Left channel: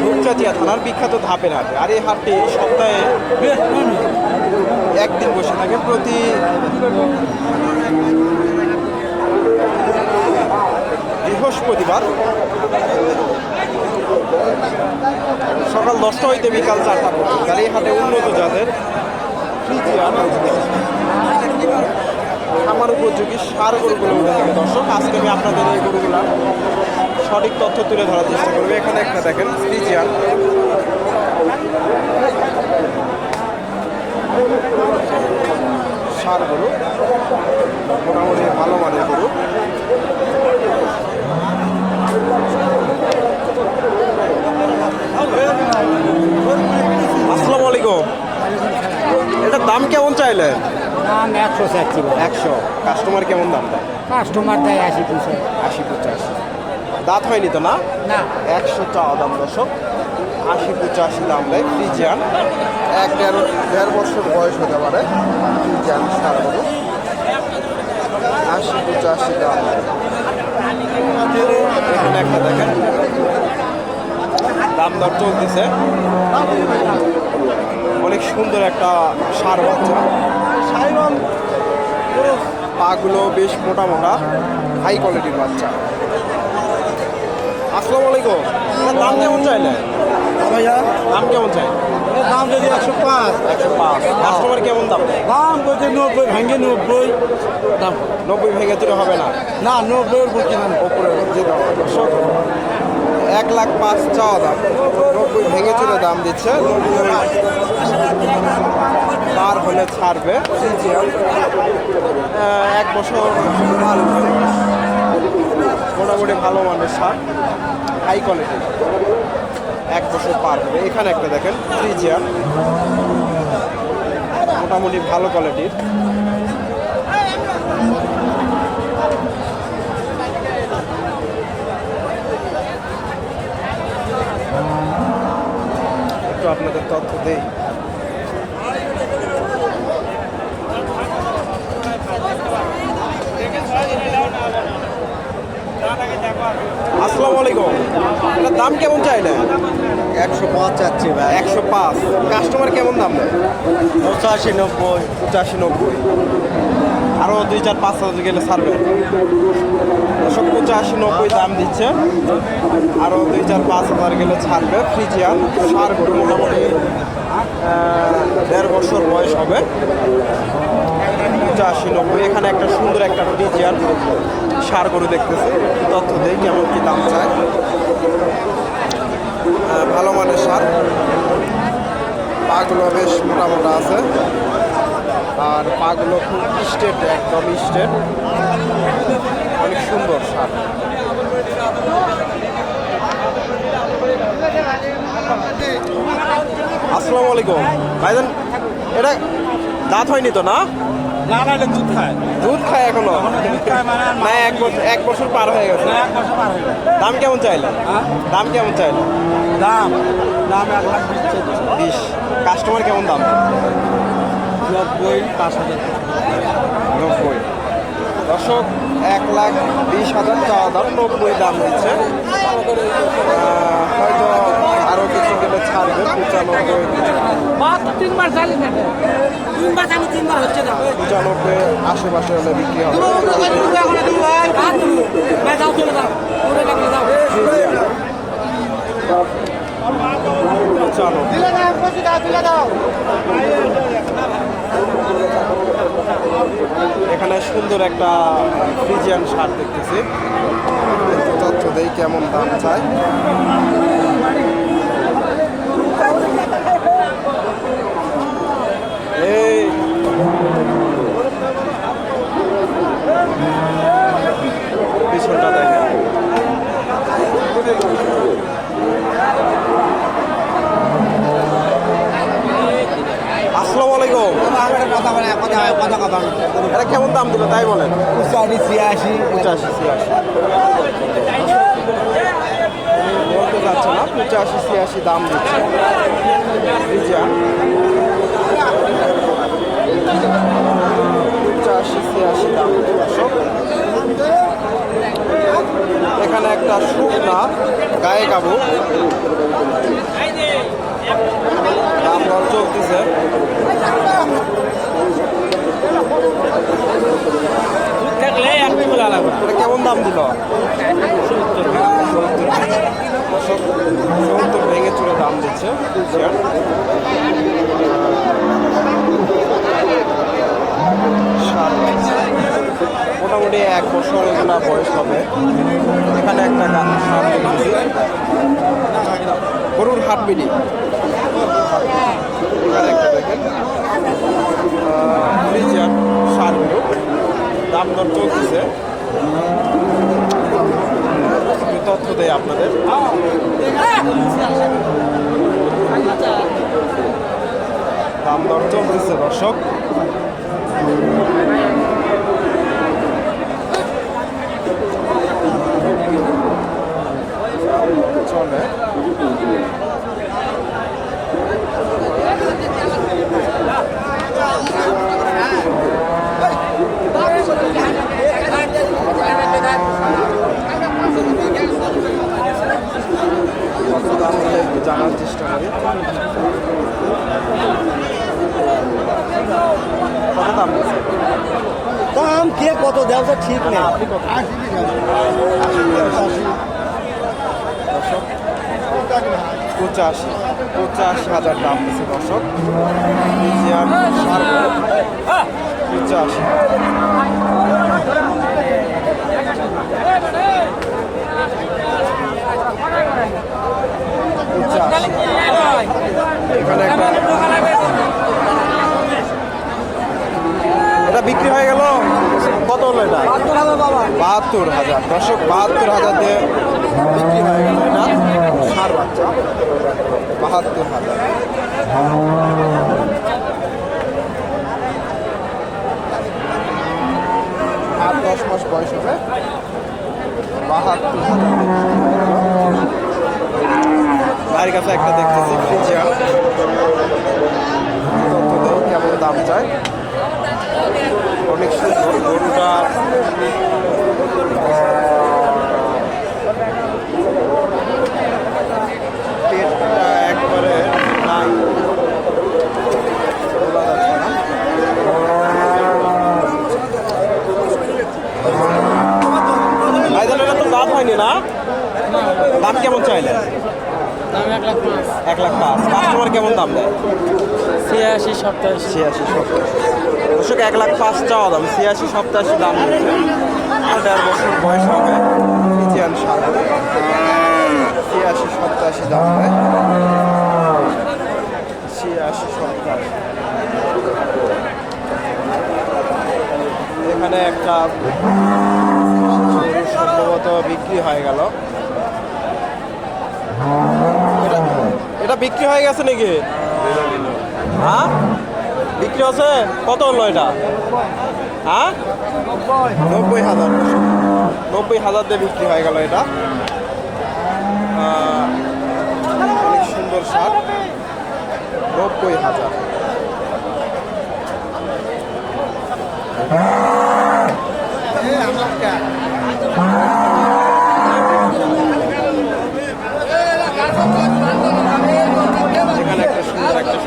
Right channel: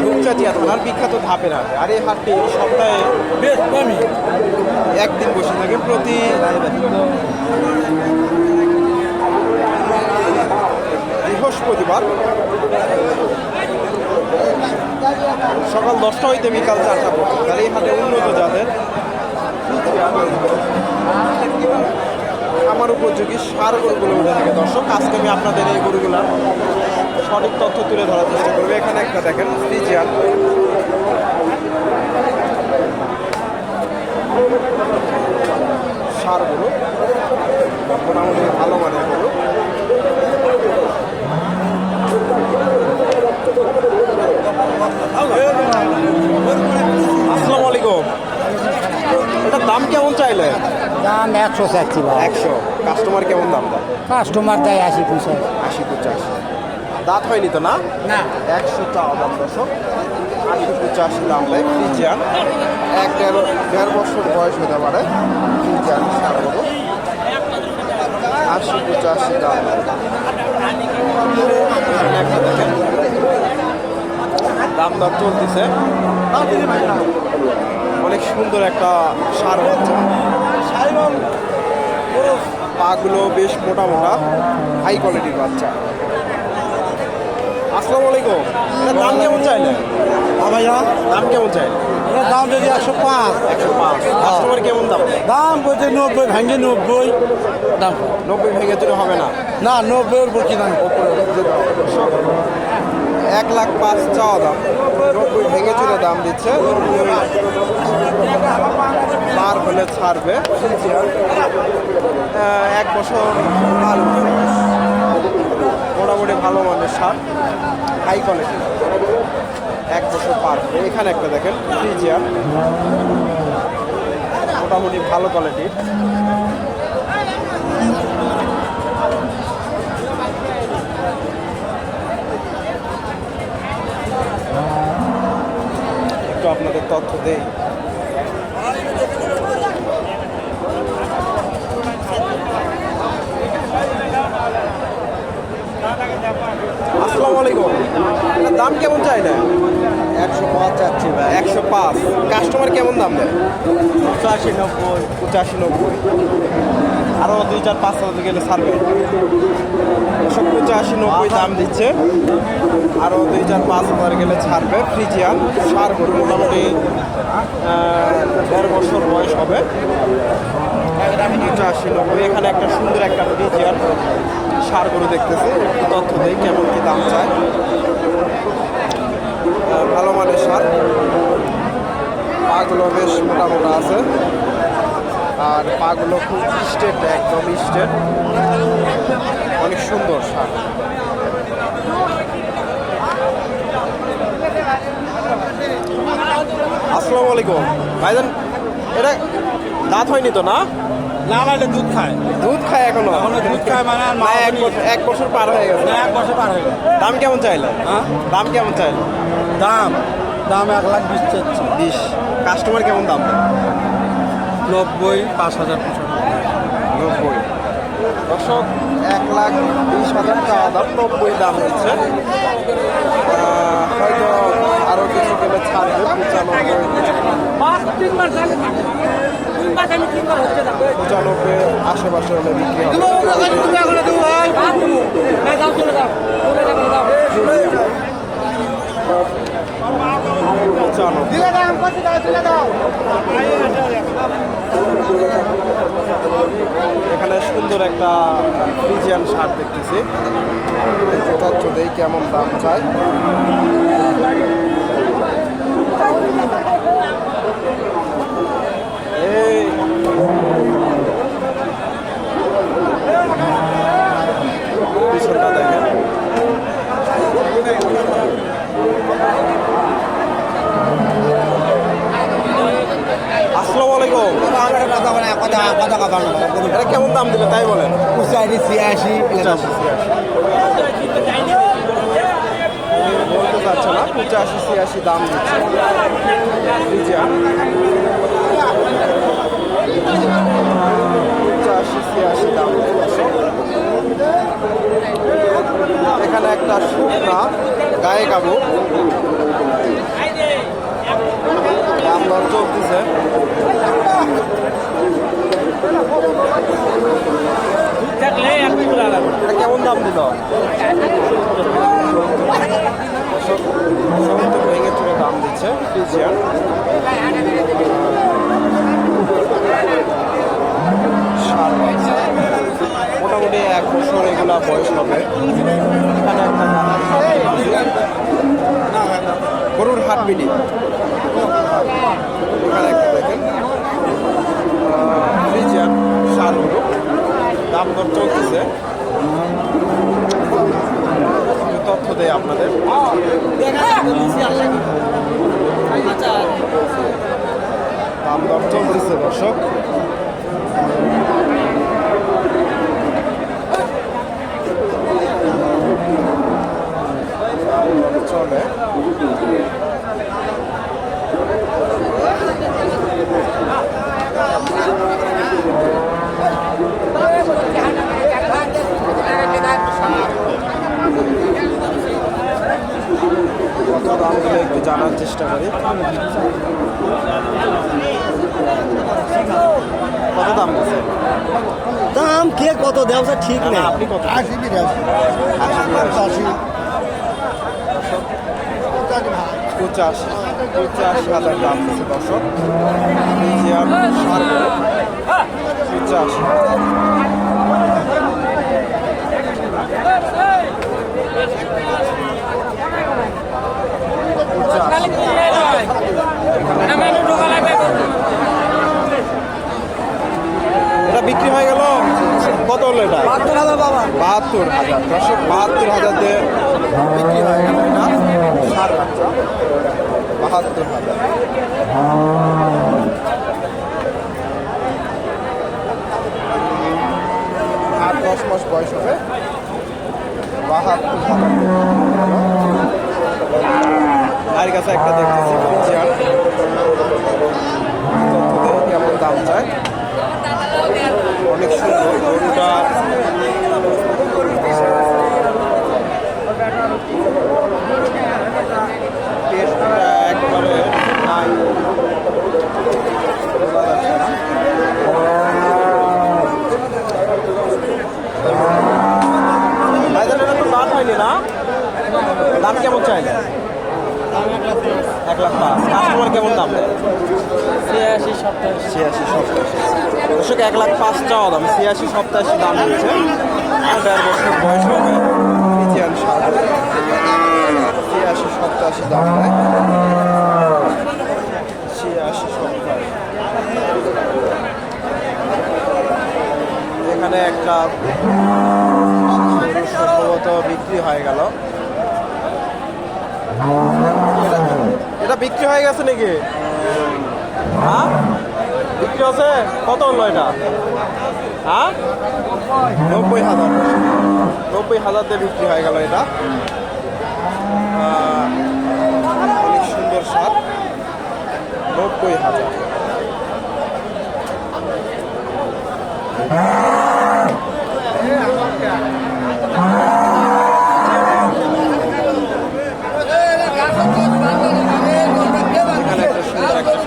ধূপচাতিয়া থানার বিখ্যাত ধাপের হাটে। আর এই হাটটি সপ্তাহে একদিন বসে থাকে প্রতি বৃহস্পতিবার। সকাল দশটা হইতে বিকাল চারটা পর্যন্ত। আর এই হাটে উন্নত জাতের আমার উপযোগী সার গরুগুলো উঠে থাকে। দর্শক, আজকে আমি আপনাদের এই গরুগুলার সঠিক তথ্য তুলে ধরার চেষ্টা করবে। এখানে একটা দেখেন ফ্রিজিয়ান সার গরু মোটামুটি ভালো মানের গরু। আসসালামু আলাইকুম। এটার দাম কেমন চাইলে? দাম একশো চাচ্ছি একশো। কাস্টমার কেমন দাম দেয় কাস্টমার দেয় আশি পয়সা আশি পঁচাশি। দাঁত হয়নি তো না? একশো চাওয়া দাম দশক আশি পঁচাশি দাম দেয় ফ্রিজিয়ান। এক দেড় দেড় বছর বয়স হতে পারে ফ্রিজিয়ান সার গরু আশি পঁচাশি দাম এখানে একটা দেখেন। দাম দর চলতেছে। অনেক সুন্দর একটা সার বাচ্চা। পাগুলো বেশ মোটা মোটা হাই কোয়ালিটির বাচ্চা। আসসালামু আলাইকুম। এটার দাম কেমন চাইলে? ভাইয়া। দাম কেমন চাই? দাম যদি একশো পাঁচ। একশো পাঁচ। কাস্টমার কেমন দাম? দাম বলতে নব্বই ভাঙ্গে নব্বই। দাম। নব্বই ভেঙে চুরে হবে না? না নব্বই বলছি দাম ওপরে এক লাখ পাঁচ চাওয়া দাম। নব্বই ভেঙে চুরে দাম দিচ্ছে নব্বই পার হলে ছাড়বে। এক বছর। মোটামুটি ভালো মানের সার হাই কোয়ালিটি। এক বছর পার হবে। এখানে একটা দেখেন থ্রি চেয়ার মোটামুটি ভালো কোয়ালিটি। একটু আপনাদের তথ্য দেই। আসসালামু আলাইকুম। এটার দাম কেমন চাই না একশো পাঁচ চাচ্ছি ভাই। একশো পাঁচ। কাস্টমার কেমন দাম দেয়? পঁচাশি নব্বই। পঁচাশি নব্বই। আরও দুই চার পাঁচ হাজার গেলে ছাড়বে। দশক পঁচাশি নব্বই দাম দিচ্ছে। আরও দুই চার পাঁচ হাজার গেলে ছাড়বে। ফ্রিজিয়ান সার গরু মোটামুটি দেড় বছর বয়স হবে। পঁচাশি নব্বই। এখানে একটা সুন্দর একটা ফ্রিজিয়ান। সার গরু দেখতেছি, একটু তথ্য দিই কেমন কি দাম চায়। ভালো মানের সার। পাগুলো বেশ মোটা মোটা আছে। আর পাগুলো খুব স্টেট, একদম স্টেট। অনেক সুন্দর সার। আসসালামু আলাইকুম। ভাইজান, এটা দাঁত হয়নি তো, না? না না এটা দুধ খায়। দুধ খায় এখনও? মানে না এক বছর এক বছর পার হয়ে গেছে। দাম কেমন চাইলে? হ্যাঁ? দাম কেমন চাইলে? দাম দাম এক লাখ বিশ বিশ। কাস্টমার কেমন দাম? নব্বই পাঁচ হাজার নব্বই। দর্শক এক লাখ বিশ হাজার চাওয়া দাম নব্বই দাম দিচ্ছে হয়তো আরও কিছু গেলে ছাড়বে পঁচানব্বই। পঁচানব্বই আশেপাশে হলে বিক্রি হবে। মোটামুটি এখানে সুন্দর একটা ফ্রিজিয়ান শার্ট দেখতেছি। তথ্য দেই কেমন দাম চায় পিছনটা দেখেন আসসালামু আলাইকুম এটা কেমন দাম দিল তাই বলেন? পঁচাশি ছিয়াশি। উনি বলতে চাচ্ছে না, পঁচাশি, ছিয়াশি দাম দিচ্ছে। পঁচাশি, ছিয়াশি দাম এখানে একটা শুকনা গায়ে কাবু দাম দর চলতেছে। এটা কেমন দাম দিল? সত্তর ভেঙে চুরে দাম দিচ্ছে ফ্রিজিয়ান সার মোটামুটি এক বছর এগুলা বয়স হবে। এখানে একটা গান গরুর হাট বিডি। এখানে একটা দেখেন। ফ্রিজিয়ান সার গরু। দাম দর চলতেছে। তথ্য দেই আপনাদের। দাম দর চলতেছে দর্শক। চলে কত দাম হলে একটু জানার চেষ্টা করি। কত দাম দাম কে কত? ব্যবসা ঠিক না, আপনি কত? পঁচাশি পঁচাশি হাজার দাম দিচ্ছে দর্শক। পঁচাশি পঁচাশি এখানে এটা বিক্রি হয়ে গেল কত হলো এটা? বাহাত্তর হাজার। দর্শক, বাহাত্তর হাজার দিয়ে বিক্রি হয়ে গেল এটা সার বাচ্চা। বাহাত্তর হাজার। আট দশ মাস বয়স হবে। বাহাত্তর হাজার। বাড়ির কাছে একটা দেখতেছি, ফ্রিজিয়ান। কেমন দাম চায়? অনেক সুন্দর গরুটার পেটটা একবারে নাই। বোঝা যাচ্ছে না। ভাইজান তো দাঁত হয়নি না? দাম কেমন চাইলে এক লাখ পাঁচ। কাস্টমার কেমন দাম দেয় ছিয়াশি সপ্তাশি দর্শক এক লাখ পাঁচ চাওয়া দাম। ছিয়াশি সপ্তাশি দাম আর দেড় বছর বয়স হবে। ফ্রিজিয়ান সার ছিয়াশি সপ্তাশি দাম দেয় ছিয়াশি সপ্তাশি এখানে একটা সম্ভবত বিক্রি হয়ে গেল। এটা বিক্রি হয়ে গেছে নাকি? হ্যাঁ? বিক্রি হচ্ছে? কত হলো এটা? হ্যাঁ? নব্বই হাজার। নব্বই হাজার দিয়ে বিক্রি হয়ে গেল এটা। অনেক সুন্দর সার নব্বই হাজার।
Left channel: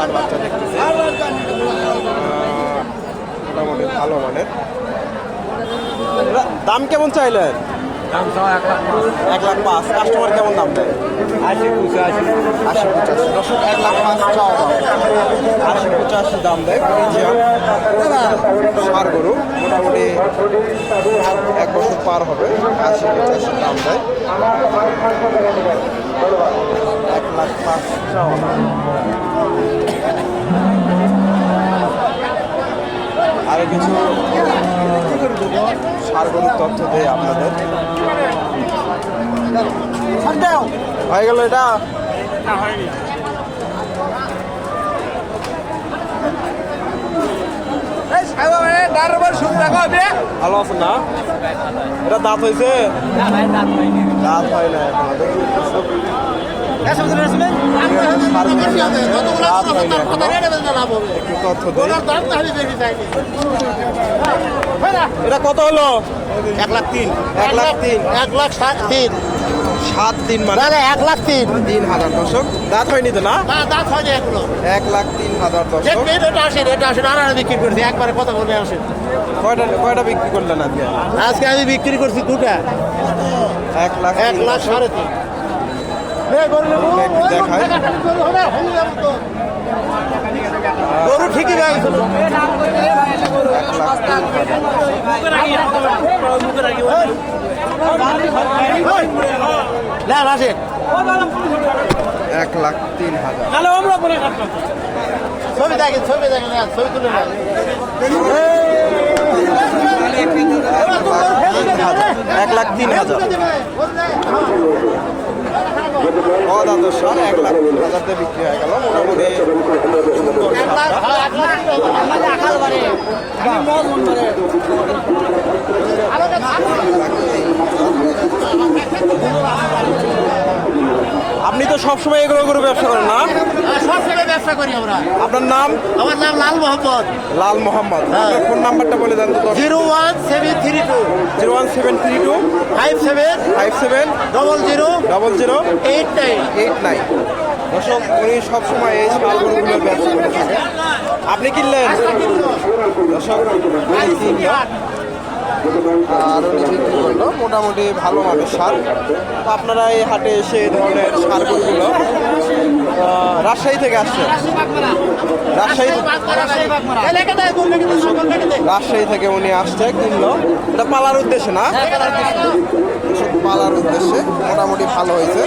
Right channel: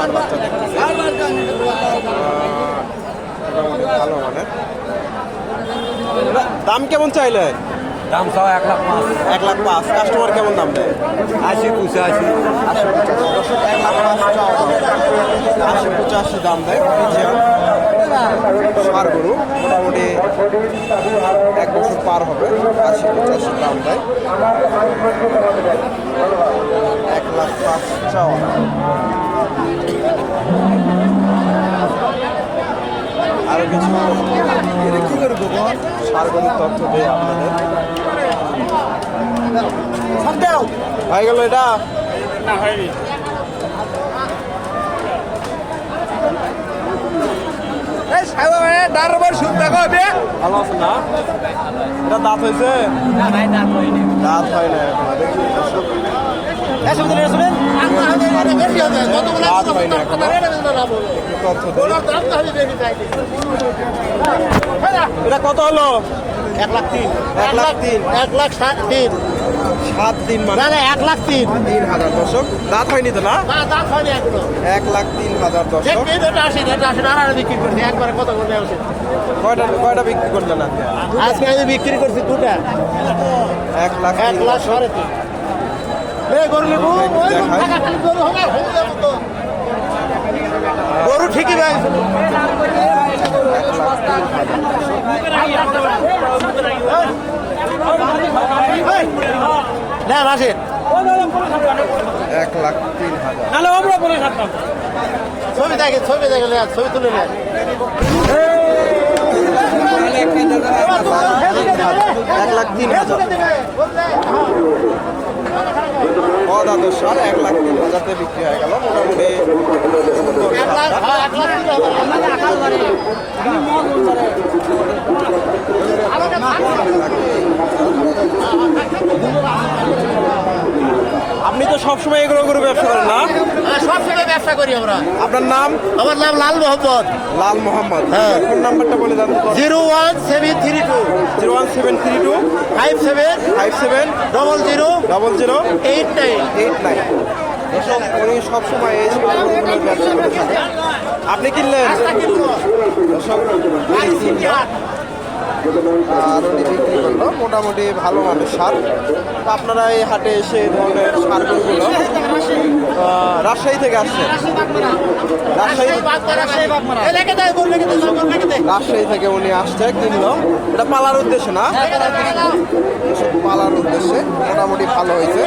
ষাট বাচ্চা দেখতেছি মোটামুটি ভালো মানের। এটা দাম কেমন চাইলেন এক লাখ পাঁচ। কাস্টমার কেমন দাম দেয়? আশি পঁচাশি। আশি পঁচাশি। দশক এক লাখ পাঁচ চাও দাম। আশি পঁচাশি দাম দেয় সার গরু। মোটামুটি এক বছর পার হবে। আশি পঁচাশি দাম দেয়। এক লাখ পাঁচ চাওয়া আরও কিছু সার্বজনীন তথ্য দেয় আপনাদের। হয়ে গেল এটা? ভালো না? এটা দাঁত হয়েছে? দাঁত হয় না এখন দেখি। দাঁত এটা কত হলো? এক লাখ তিন। এক লাখ তিন। এক লাখ ষাট তিন। সাত দিন মানে? এক লাখ তিন। তিন হাজার দর্শক দাঁত হয়নি তো না? হয়নি এক লাখ তিন হাজার দর্শক কয়টা কয়টা বিক্রি করলেন আজকে? আজকে আমি বিক্রি করছি দুটা। এক লাখ এক লাখ সাড়ে তিন। এই গরু হয়ে ঠিকই ভাই। এক লাখ তিন হাজার। রাখেন এক লাখ তিন হাজার ছবি দেখেন ছবি দেখেন ছবি তুলে এক লাখ তিন হাজার। দাদু স্যার এক লাখ তিন হাজারতে বিক্রি হয়ে মোটামুটি। আপনি তো সবসময় এগুলো করে ব্যবসা করেন না? সব জায়গায় ব্যবসা করি আমরা। আপনার নাম? আমার নাম লাল মোহাম্মদ লাল মোহাম্মদ। আপনার ফোন নাম্বারটা বলে দেন তো। Zero one seven three two. Zero one seven three two. Five seven. Five seven. Double zero. Double zero. Eight nine. Eight nine. দর্শক উনি সবসময় এই সারগুলো ব্যবসা করে থাকে আপনি কিনলেন? দর্শক আর উনি বিক্রি করল, মোটামুটি ভালো মানের সার। তো আপনারা এই হাটে এসে এই ধরনের সারগুলো রাজশাহী থেকে আসছে রাজশাহী রাজশাহী থেকে উনি আসছে, কিনলো। এটা পালার উদ্দেশ্যে না? পালার উদ্দেশ্যে মোটামুটি ভালো হয়েছে।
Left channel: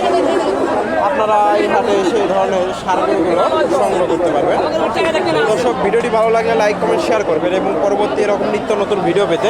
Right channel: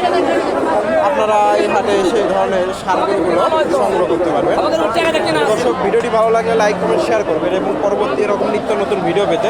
আপনারা এই হাটে এসে এই ধরনের সারগুলো সংগ্রহ করতে পারবেন। দর্শক, ভিডিওটি ভালো লাগলে লাইক, কমেন্ট শেয়ার করবেন এবং পরবর্তী এরকম নিত্য নতুন ভিডিও পেতে